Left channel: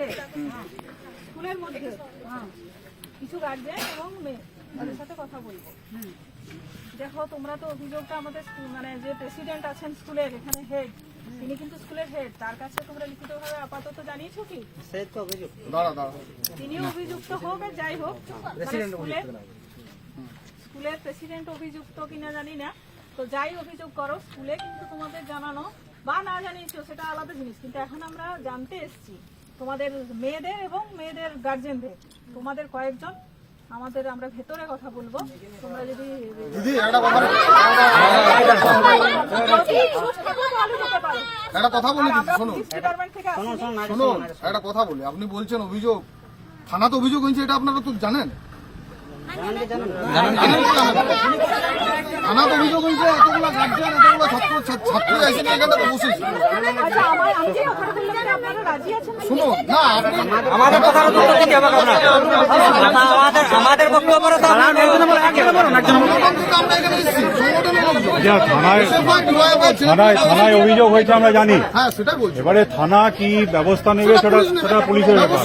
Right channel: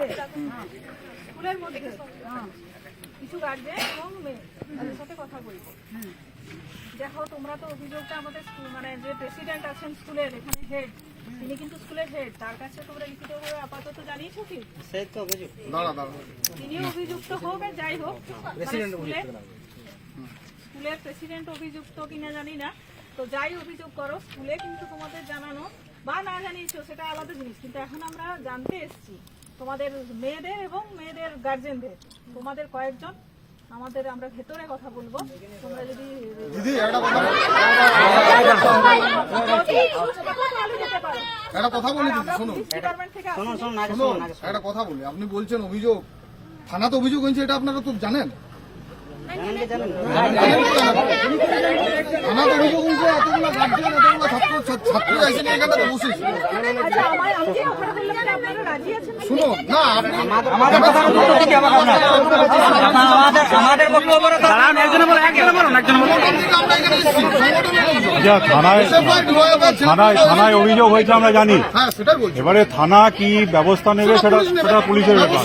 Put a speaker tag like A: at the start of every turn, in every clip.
A: মধ্যে স্কুলের মধ্যে। হ্যাঁ, কিছু গার্জেন এবং মেয়ে তাদের সাথে কথা বলব। দেখো তোমরা তো অভিযোগটা আমাদের মানে যে প্রেসিডেন্ট আছেন স্কুলের এখানে হেড তিনি কিন্তু স্কুলের হেড তার কাছে তোমরা লিখিতভাবে আপাতত জানিয়েছো কি? তিনি অভিযুক্ত। হোক আর যাই হোক মানে স্কুলের স্কুলের প্রেসিডেন্ট অভিযুক্ত কিনা জানি না। তো যাই অভিযোগ করো স্কুলে কিন্তু তোমাদের জানানো বা না জানিয়েছো সেটা আলাদা জিনিস। কিন্তু এখন আমরা জানতে এসেছি তোমাদের মেয়েদের এবং মেয়েদের গার্জেনদের তোমাদের কয়েকজন আমাদের আমরা ভেতরে কথা বলব। তোমরা যদি
B: একটা কথা বলি।
A: শোনো
B: শোনো একটা কথা বলি। আপনি বলছেন অভিযোগ। থানাতে অভিযোগ হয়েছে এটা আপনারা তো জানেন। অভিযোগ হয়েছে এতগুলো গার্জিয়ান এতগুলো ছাত্র এসে এখানে না
C: থানায় অভিযোগ হয়েছে আমরা জানি।
B: হ্যাঁ
C: এবারে থানা কি ব্যবস্থা নেবে সেটা সেটা পুলিশের ব্যাপার।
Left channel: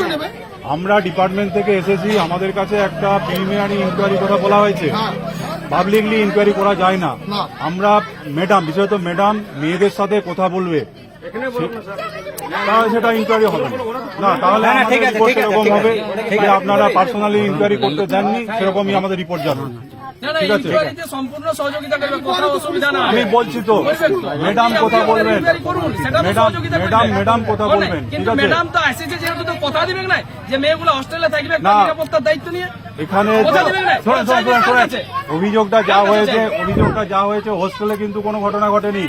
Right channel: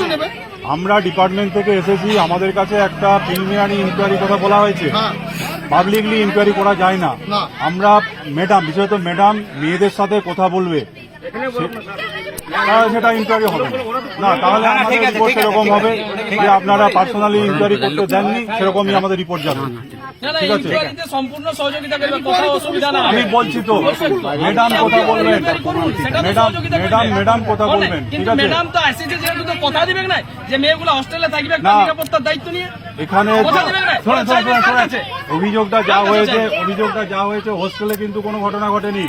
C: আমরা ডিপার্টমেন্ট থেকে এসেছি আমাদের কাছে একটা প্রিলিমিনারি ইনকোয়ারি কথা বলা হয়েছে।
B: হ্যাঁ
C: পাবলিকলি ইনকোয়ারি করা যায় না।
B: না।
C: আমরা ম্যাডাম বিশেষত ম্যাডাম মেয়েদের সাথে কথা বলবে। তাহলে সেটা ইনকোয়ারি হবে না। তাহলে আমাদের রিপোর্ট এরকম হবে যে আপনারা পার্সোনালি ইনকোয়ারি করতে দেননি সেরকমই আমাদের রিপোর্ট যাবে
D: না না
C: ঠিক আছে।
D: সম্পূর্ণ সহযোগিতা করবে কোথাও অসুবিধা না।
C: আমি বলছি তো ম্যাডাম কথা বলবেন?
D: ইনকোয়ারি করুন সেটা তো
C: ম্যাডাম ম্যাডাম ম্যাডাম কথা বলবেন ঠিক আছে?
D: ম্যাডাম তো এসেছে যেহেতু তো কথা দিবেন না যে মেয়েগুলো হস্টেলে থাকবে নিরাপত্তার দায়িত্ব নিয়ে।
C: এখানে
D: কথা দিবেন না?
C: শোনেন শোনেন শোনেন শোনেন।
D: আছে।
C: অভিযোগটা যা হয়েছে অভিযোগটা যা হয়েছে হোস্টেলে কিন্তু কোনো ঘটনা ঘটেনি।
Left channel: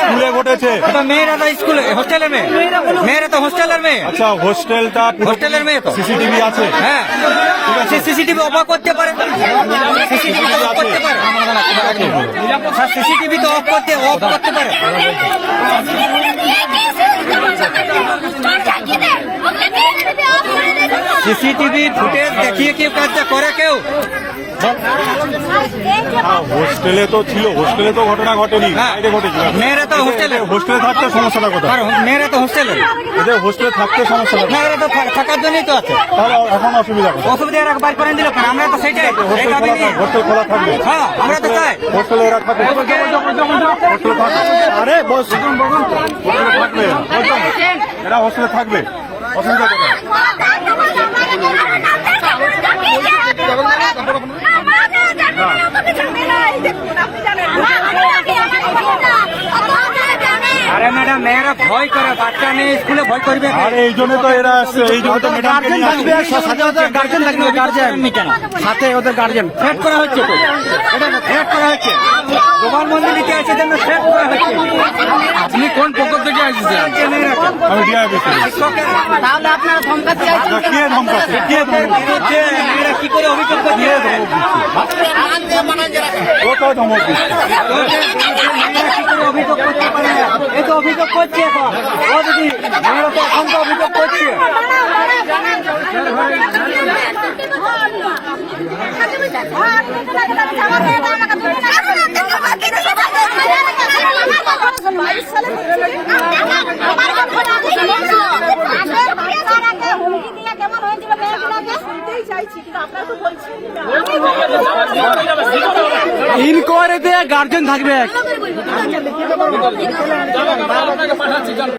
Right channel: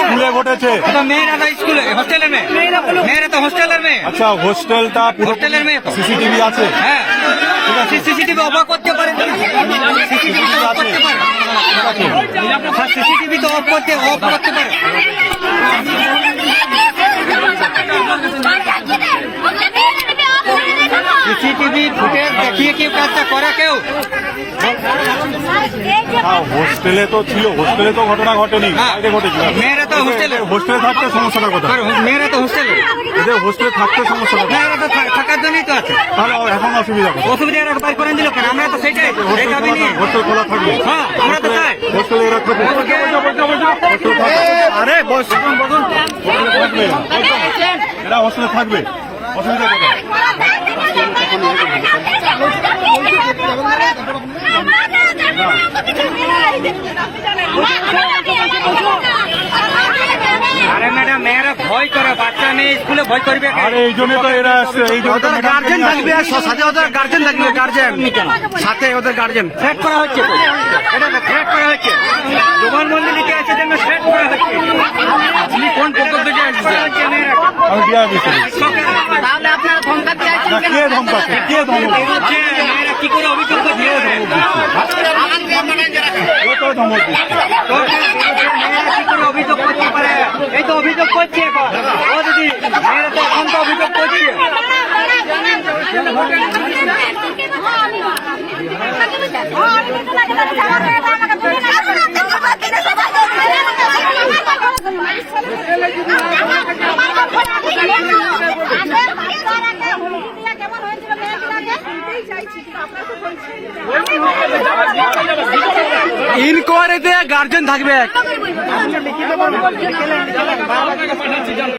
C: স্কুলে ঘটেছে।
E: মেয়েরা তো স্কুলে? হোস্টেলের মেয়ে? মেয়েরা তো হোস্টেলের মেয়ে।
C: আচ্ছা হোস্টেলটা পুরো
E: হোস্টেলের মেয়ে তো।
C: সিসিটিভি আছে।
E: হ্যাঁ। সিসিটিভি অফ করতে পারে সিসিটিভি পারে। সিসিটিভি তো অফ করতে অফ করতে পারে। সিসিটিভি ফুটেজ দেখিয়ে কেউ কাজটা করে কেউ?
C: হ্যাঁ হোস্টেলে তো ছিল হোস্টেলে তো ঘটনা ঘটেনি বাইরে ঘটেছিল।
E: মেয়েরা তো হোস্টেলে।
C: হোস্টেলে থাকতে সমস্যাটা কোথায়?
E: মেয়েরা তো হোস্টেলে।
C: এদের হোস্টেলে থাকতে সমস্যাটা কোথায়?
E: মেয়েরা তো থাকার জন্যই তো আছে।
C: তাহলে এখন অসুবিধা কোথায়?
E: অসুবিধা আর বাইর করে দিলে আমরা তো সেইটাই।
C: হোস্টেল খোলা হোস্টেল খোলা থাকবে।
E: হ্যাঁ আমরা তো চাই।
C: হোস্টেলে এরা থাকে হোস্টেলে থাকে। আরে বস বসুন। হোস্টেলে থাকবে। এরা। এরা হোস্টেলে থাকবে। অসুবিধা কোথায়?
E: আরে
C: এই জন্য তো এরা আসছে এই জন্য ম্যাডামকে
F: গার্জেন থাকবে সাথে ওদের গার্জেন থাকবে গার্জেন সাথে ওদের গার্জেন
E: থ্রেট করা হচ্ছে এটা থ্রেট করা হচ্ছে। আপনি কোন পক্ষ থেকে আসছেন?
C: আমি
E: ধমকা দিয়ে
C: কে কে তো
E: করছে তো তো
A: আপনারা তো বলছেন না
F: ইনকোয়ারিতে গার্জেন থাকবে